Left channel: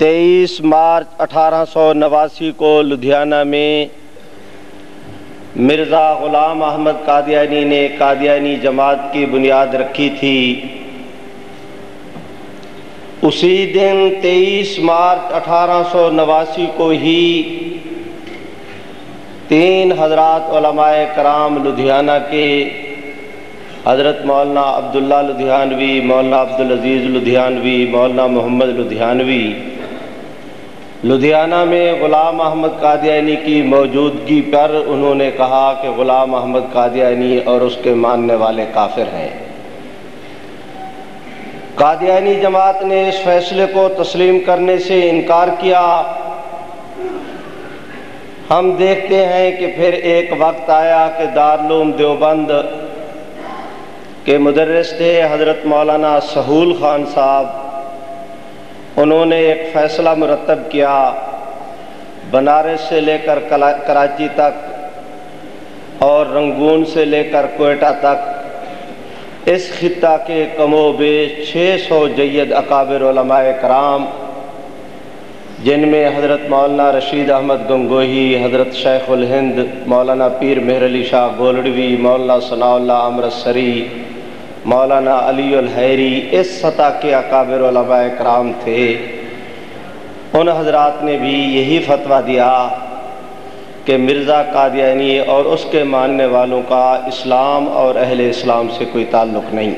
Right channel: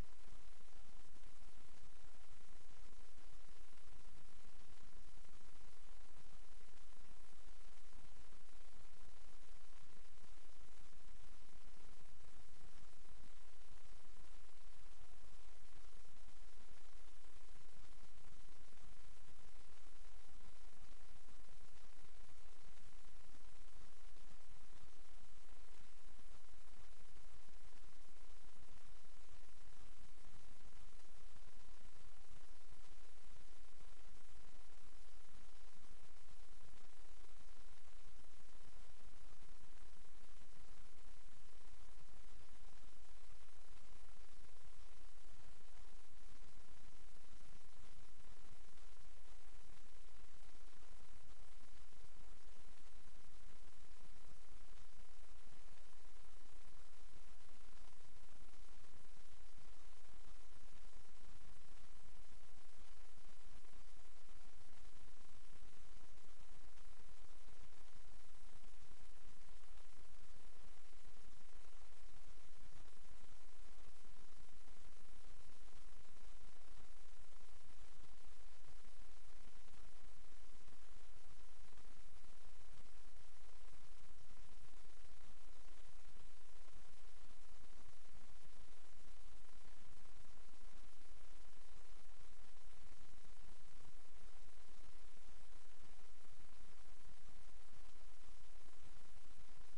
23 مارچ 1889 کو لدھیانہ میں مرزا غلام احمد قادیانی نے قادیانی جماعت کی بنیاد رکھی تھی۔ اسی دن 23 مارچ 1889 کو ہی 3 حضرات علماء کرام لدھیانہ کے حضرت مولانا عبداللہ لدھیانوی، مولانا عبدالعزیز لدھیانوی، مولانا محمد لدھیانوی لدھیانہ میں غلام احمد قادیانی کی موجودگی پر انہوں نے کہا کہ غلام احمد قادیانی اور اس کے ماننے والے کافر ہیں۔ قادیانی جماعت نے اس فیصلے کو تسلیم کرنے سے انکار کیا۔ ہم دیکھتے ہیں کہ پھر ایک وقت آیا کہ دارالعلوم دیوبند کے مدرس تھے حضرت مولانا سہول خان صاحب، انہوں نے ایک فیصلہ مرتب کیا، بنارس سے لے کر کراچی تک اور رنگون سے لے کر کوئٹہ تک اس خطہ کے کم و بیش 600 جید اکابر علماء کرام، جن میں حضرت مولانا رشید احمد گنگوہی، حضرت شیخ الہند مولانا پیر مہر علی شاہ گولڑوی، مولانا ثناء اللہ امرتسری، مولانا علی الحیری، اس سطح کے اکابر علماء کرام تھے۔ ان حضرات نے بھی یہی فتویٰ دیا کہ مرزا قادیانی اور اس کے ماننے والوں کا اسلام اور اہل اسلام سے کوئی تعلق نہیں۔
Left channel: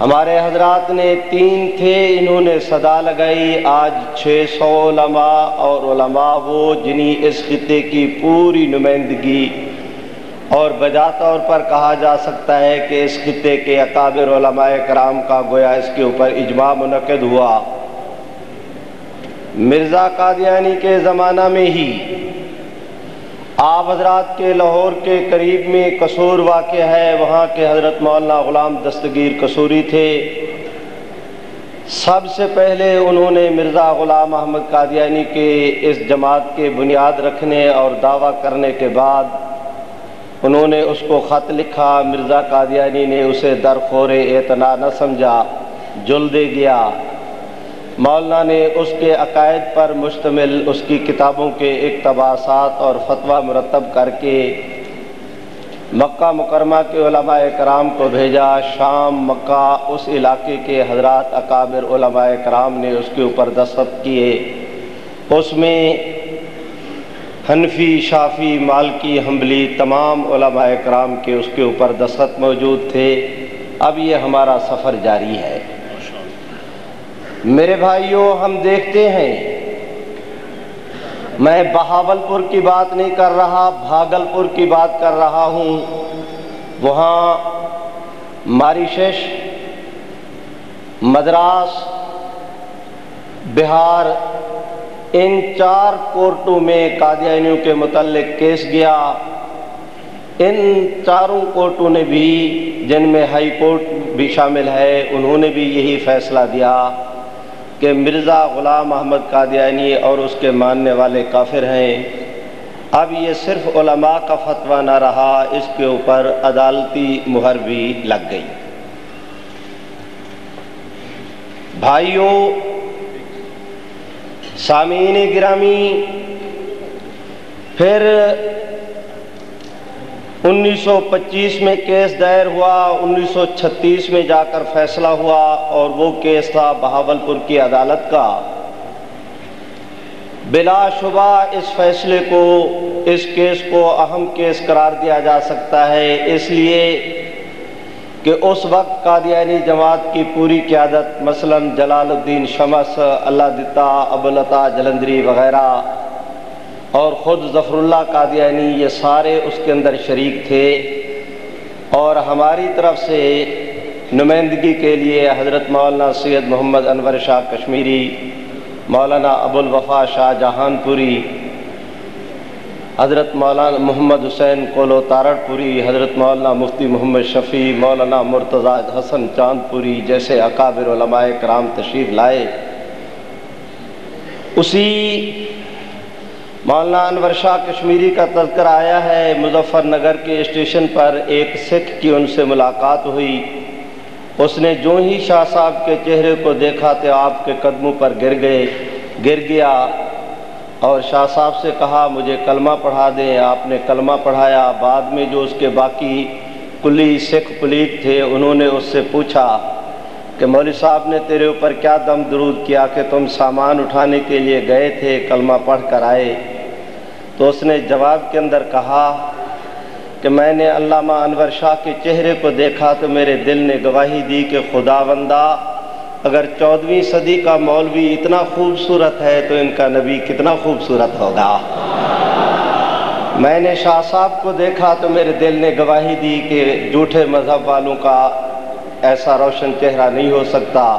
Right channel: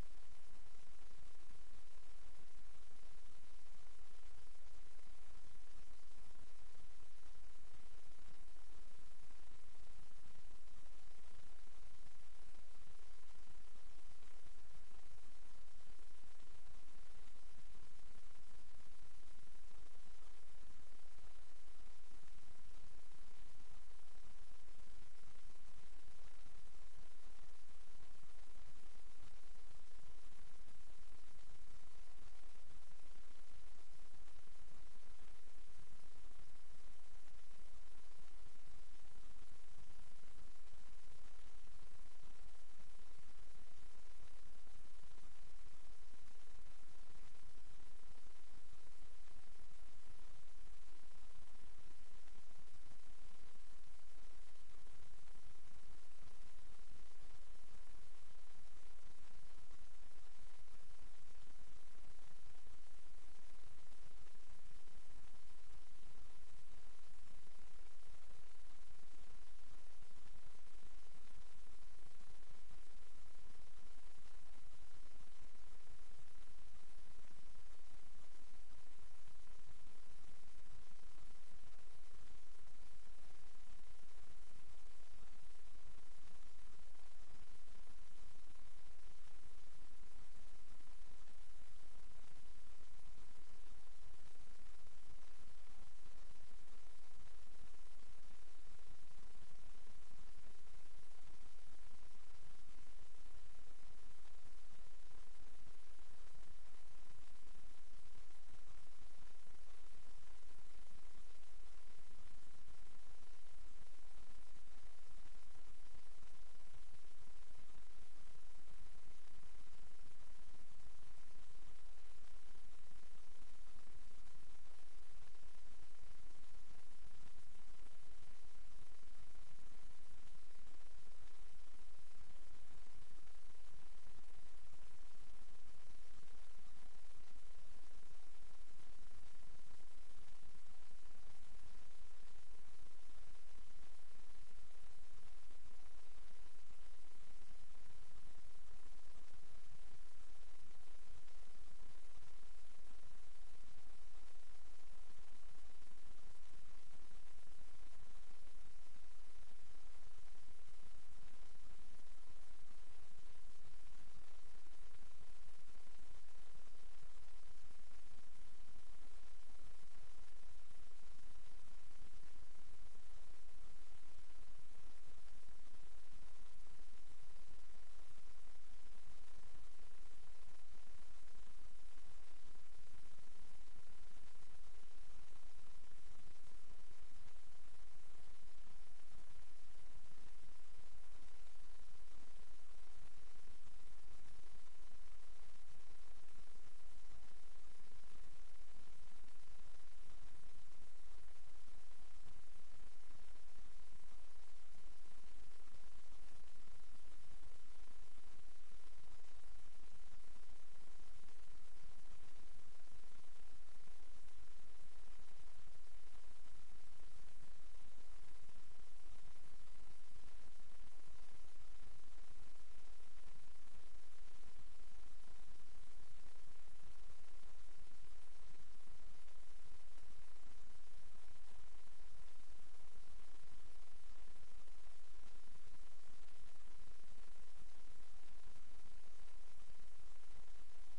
ہمارے حضرات نے 3 تھے، انہوں نے صدا لگائی، آج 600 علماء، اور علماء وہ جنہیں اس خطے کی پوری نمائندگی اور بجا طور پر کہا جا سکتا ہے کہ اس خطے کے اکابر علماء کرام کا گویا اس کے اوپر اجماع منعقد ہوا۔ مرزا قادیانی کے زمانہ میں ہی آپ حضرات کے لاہور کے قریب میں قصور واقع ہے، وہاں کے حضرت مولانا غلام دستگیر قصوری تھے۔ سب سے پہلے انہوں نے مرزا غلام احمد قادیانی کے اس جماعت کے بنیاد رکھنے اور دعویٰ کرنے کے بعد انہوں نے اس کو خط لکھا۔ مرزا قادیانی نے اسے درخور اعتنا نہ سمجھا، جل دے گیا۔ مولانا نے اس کے عقائد پر مشتمل اس کی کتابوں کے اقتباسات اور فتویٰ مرتب کر کے مکہ مکرمہ کے علماء کرام کو بھیجا۔ شام، مکہ، اس علاقے کے حضرات اکابر علماء کرام نے اس کے اوپر دستخط کیے۔ اس میں حنفی، شافعی، مالکی، حنبلی تمام علماء کرام کے اس کے اوپر دستخط موجود تھے۔ اب یہ ہمارا سفر جاری ہے۔ میرے بھائیوں، ہم دیکھتے ہیں، میں بہاولپور کی بات نہیں کر رہا، بھاگلپور کی بات کر رہا ہوں۔ وہاں ماریشس، مدراس، بہار، ان 4 کورٹوں میں قادیانیوں کے متعلق کیس گیا۔ ان 4 کورٹوں نے بھی، جن میں ہائی کورٹ بھی شامل ہے، انہوں نے بھی یہی فیصلہ دیا کہ مرزا غلام احمد قادیانی اور اس کے ماننے والے کافر ہیں۔ اب یہ صرف علماء کا فتویٰ نہ رہا، اس کے اوپر عدالتی مہر بھی لگ گئی۔ بھائیوں، سامعین گرامی، پھر 1925 میں کیس دائر ہوا، 1936 میں جا کر فیصلہ ہوا، اور وہ کیس تھا بہاولپور کی عدالت کا۔ بلا شبہ اس فیصلے کو، اس کیس کو اہم کیس قرار دیا جا سکتا ہے، اس لیے کہ اس وقت قادیانی جماعت کی پوری قیادت، مثلا جلال الدین شمس، اللہ دتا، ابوالعطا جلندری وغیرہ، اور خود ظفر اللہ قادیانی، یہ سارے اس کے اندر شریک تھے۔ اور ہماری طرف سے نمائندگی کے لیے حضرت مولانا سید محمد انور شاہ کشمیری، مولانا ابوالوفا شاہ جہان پوری، حضرت مولانا محمد حسین قولو تارڑ پوری، حضرت مولانا مفتی محمد شفیع، مولانا مرتضیٰ حسن چاند پوری جیسے اکابر علماء کرام تشریف لائے۔ اسی مولانا انور شاہ کشمیری کا تذکرہ آیا ہے، مظفر نگر کے اسٹیشن پر ایک سکھ کی ان سے ملاقات ہوئی، اس نے جو ہی شاہ صاحب کے چہرے کو دیکھا تو آپ کے قدموں پر گر گیا اور شاہ صاحب سے کہا مجھے کلمہ پڑھا دیں۔ آپ نے کلمہ پڑھایا۔ بعد میں جو اس کے باقی کلی سکھ پلیت تھے انہوں نے اس سے پوچھا کہ مولوی صاحب نے تیرے اوپر کیا دم درود کیا کہ تم سامان اٹھانے کے لیے گئے تھے، کلمہ پڑھ کر آئے؟ تو اس نے جواب کے اندر کہا کہ میں نے علامہ انور شاہ کے چہرے کو دیکھا تو میرے دل نے گواہی دی کہ خداوندہ اگر 14ویں صدی کا مولوی اتنا خوبصورت ہے تو ان کا نبی کتنا خوبصورت ہوگا۔ میں نے شاہ صاحب کو دیکھا تو میرے دل نے گواہی دی کہ جھوٹے مذہب والوں کا ایسا روشن چہرہ نہیں ہو سکتا۔